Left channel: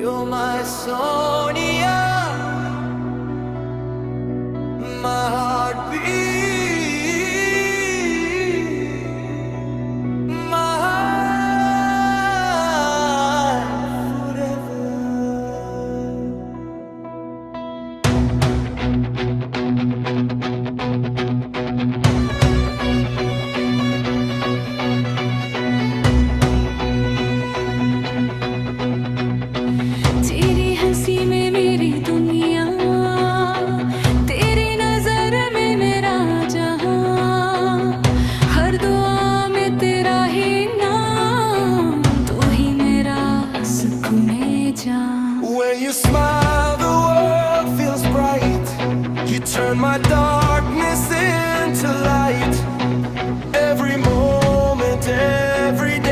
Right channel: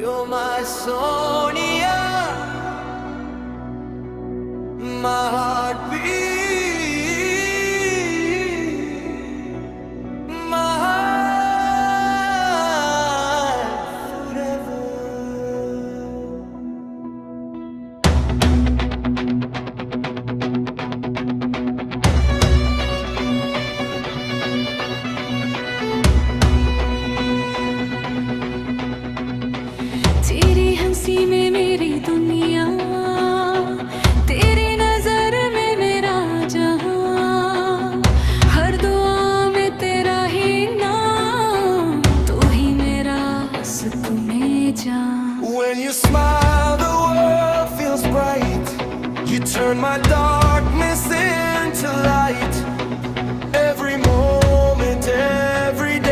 You're my Sohniya, my heartbeat, my heart forever. तेरी हंसी में मेरी दुनिया, तेरी नजर में मेरा जहां, हर दुआ में तेरा ही नाम, तू ही मेरा सुकूने जान. When you smile, the world feels bright. You turn my darkness into light. Every moment, every day.